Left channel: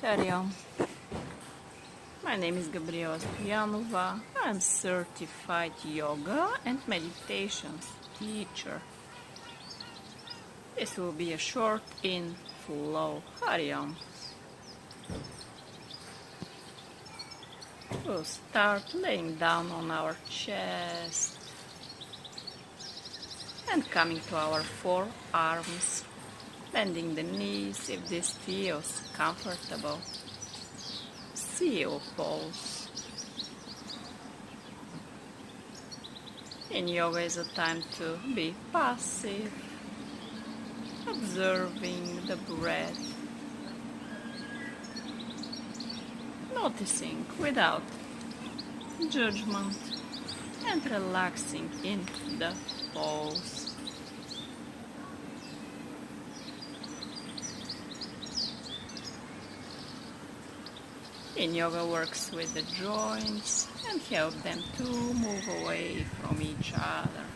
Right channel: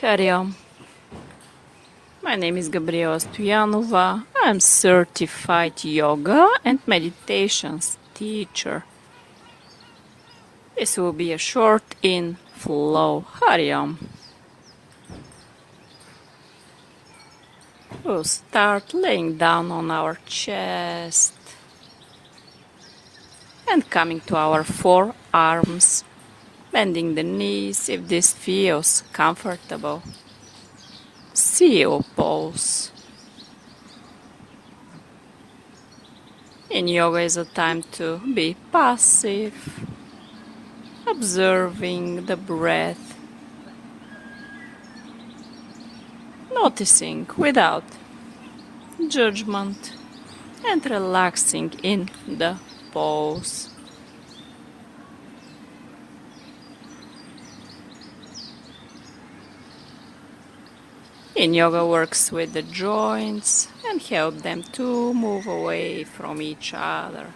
Hari. My name is Gabriela Stoyanova. I'm certified yoga and meditations teacher. This will be a short in flow. Hari. We'll start laying down on our chest and coming to our forearms, bending the knees if this feels comfortable. Seal pose. In yoga is a time to be passive, observing the breath, noticing without judgment, and relaxing in the pose. Yin Yoga works with the joints and help them to move away from each other,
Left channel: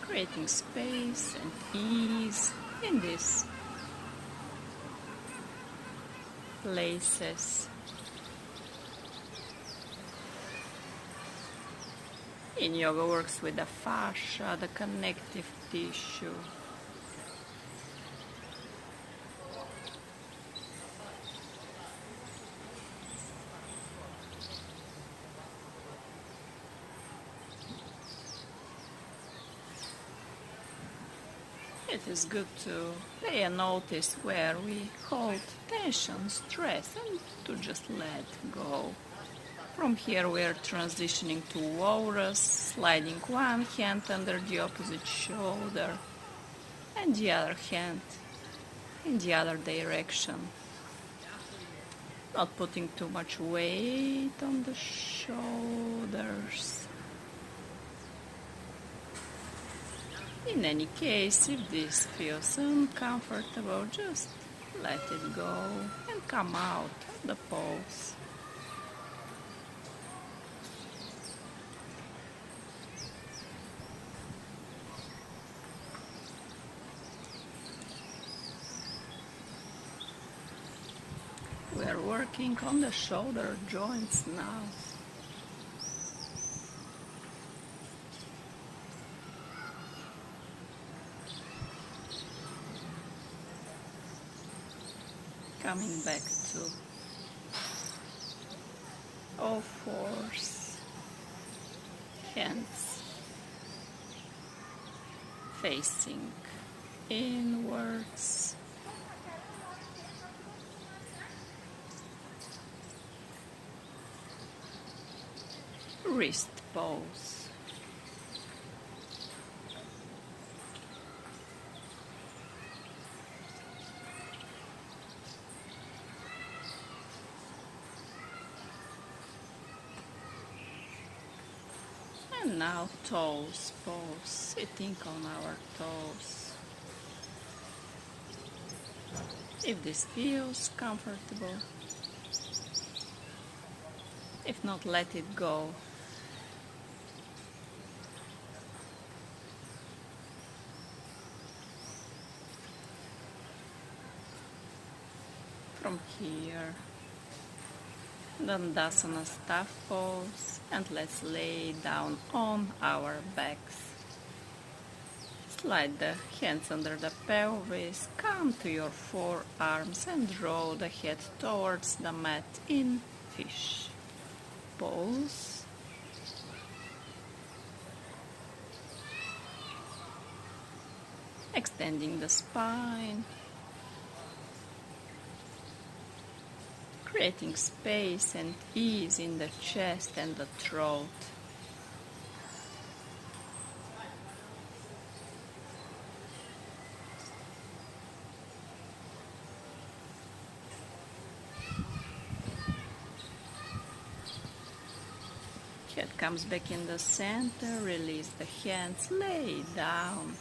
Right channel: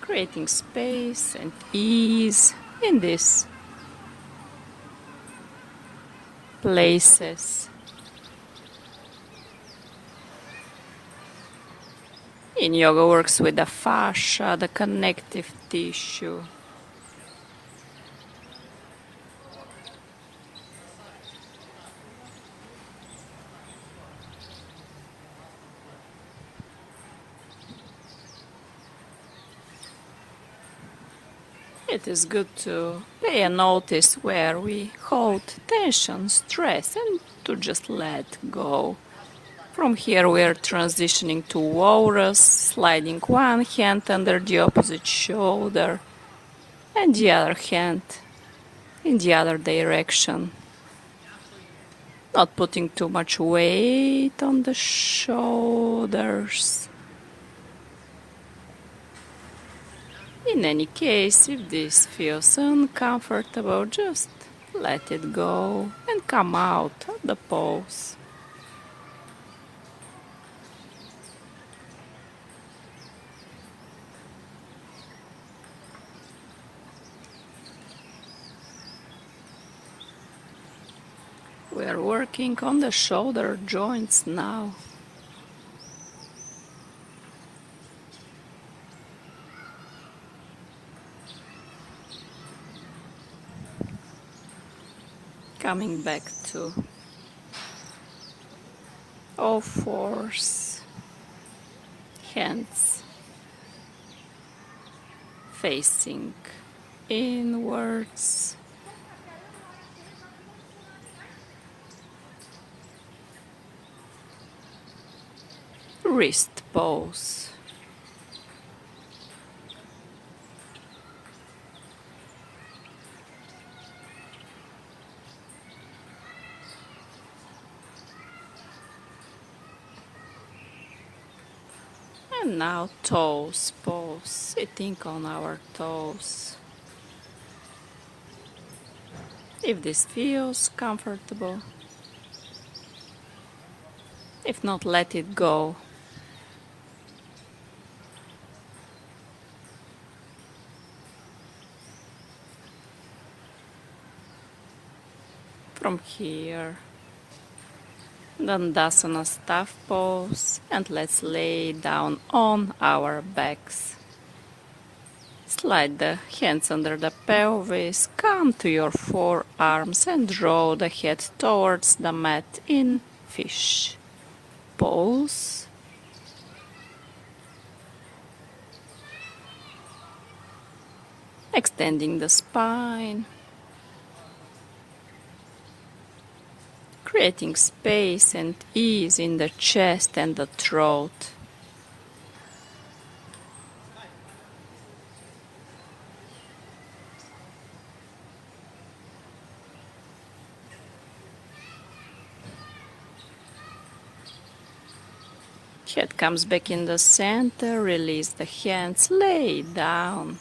creating space and ease in these places. Yin Yoga works with the fascia, the connective tissue. It is good to pay a notice where we hold tension, stress, and to just let go. From here we are transitioning to walrus, sliding one hand under the opposite shoulder and the other hand in the other direction. Not putting too much weight on the shoulders. In any case, if this feels uncomfortable, just let it go and come out of the pose. We are working on the shoulder joints now. Coming back to all fours, hands facing inwards. Wrist pose. And now toes pose, sitting on our toes. If this feels comfortable, if not, let it go. From here, Dandasana staff pose, and let's lay down on our backs. Slide the hands under the pelvis, come to your forearms and draw the head towards the mat in fish pose. Extending the spine. Creating space and ease in the chest and the throat. Head comes back in the center, release the hands, lay down.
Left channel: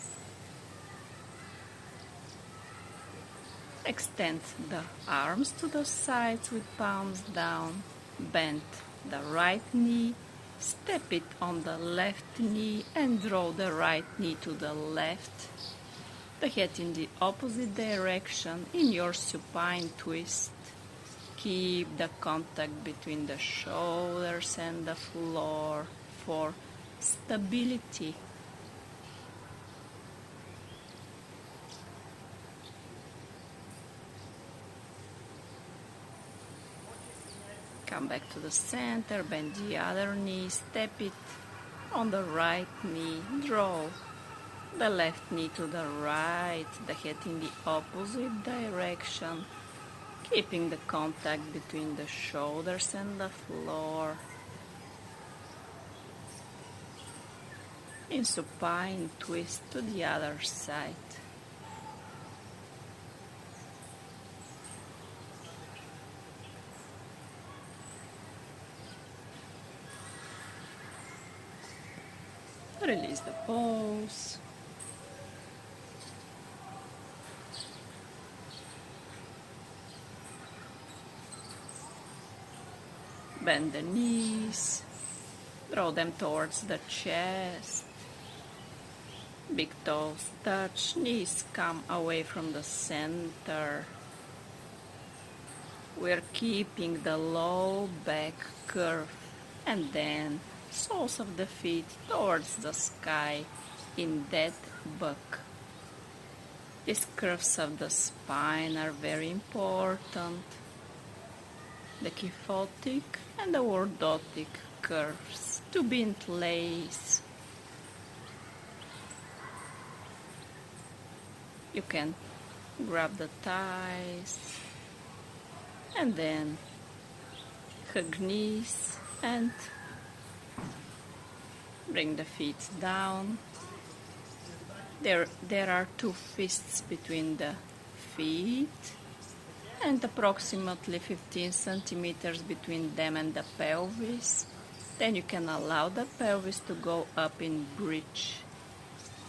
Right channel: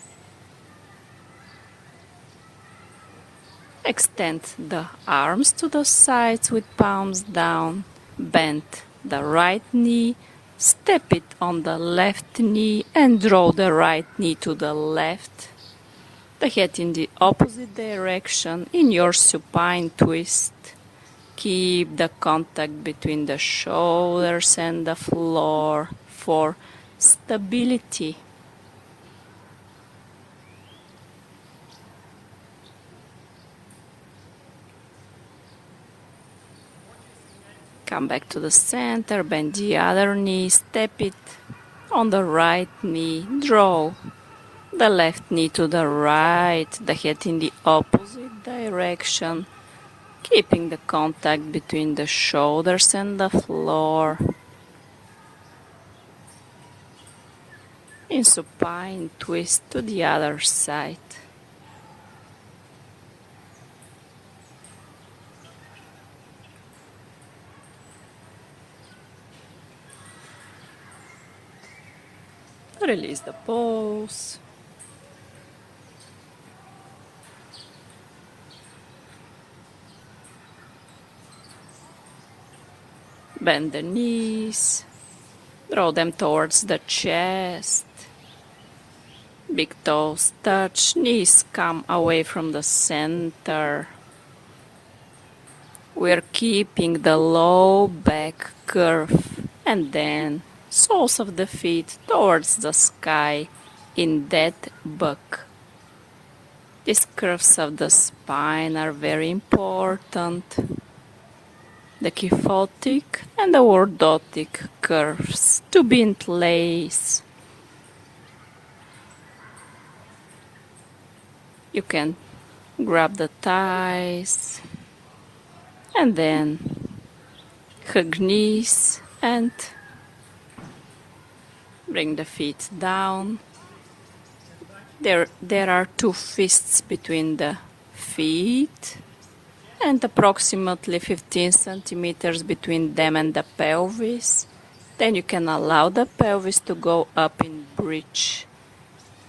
Extend the arms to the sides with palms down. Bend the right knee, step it on the left knee and draw the right knee to the left. The head in the opposite direction in your supine twist. Keep the contact between the shoulders and the floor for stability. Come back to the center, bend the other knee, step it on the right knee, draw the left knee to the right, the head in the opposite direction, keeping the contact between the shoulders and the floor. In supine, twist to the other side. Release the pose. Bend the knees. Draw them towards the chest. Big toes touch, knees come away from the center. We're keeping the low back curve and then soles of the feet towards the sky in dead bug. These curves of the spine are very important. The kyphotic and the orthotic curves to be in place. You can grab the thighs and then hug knees and bring the feet down. There are two fists between the feet and approximately 15 centimeters between them and the pelvis. Then you can allow the pelvis to go up in bridge.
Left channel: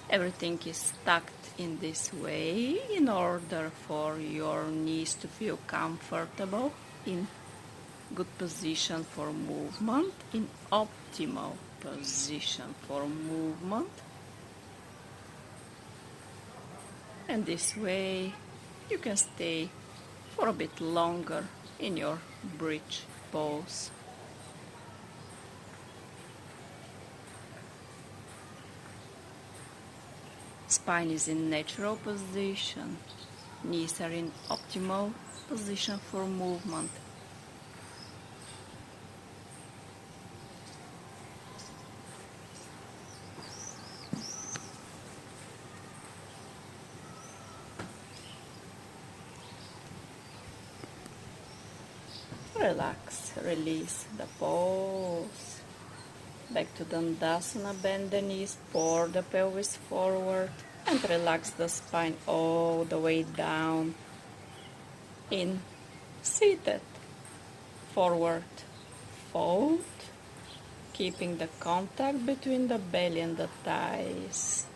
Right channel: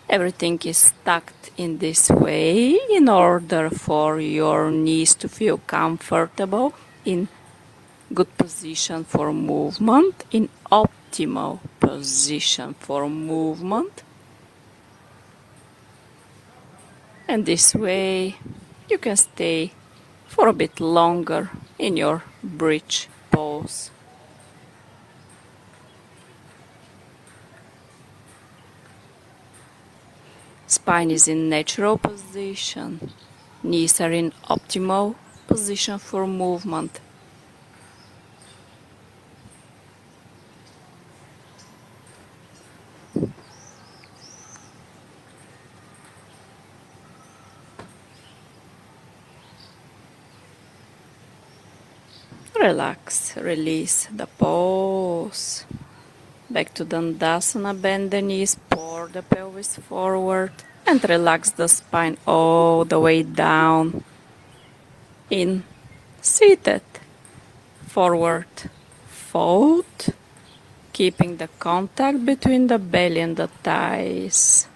Everything is tucked in this way in order for your knees to feel comfortable, in good position for movement, in optimal position for movement. And this way you can stay for a bit longer in your bridge pose. Spine is in natural position. Knees are in optimal position for movement. Relax, release the pose. Back to Dandasana, bend the knees, pour the pelvis forward and relax the spine all the way down. In seated, forward fold, keeping the contact between the belly and the thighs.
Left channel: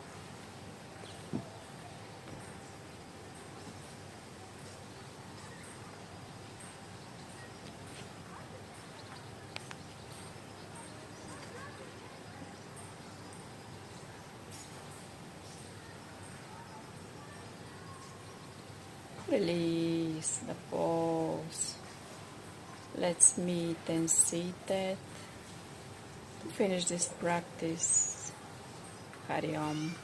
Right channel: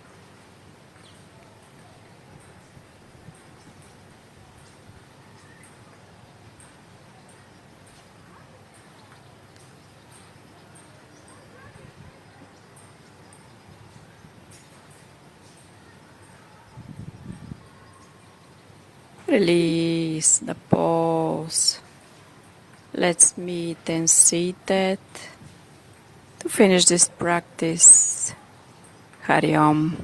Release the pose. Let's meet and seated to finish this practice. Hari Om.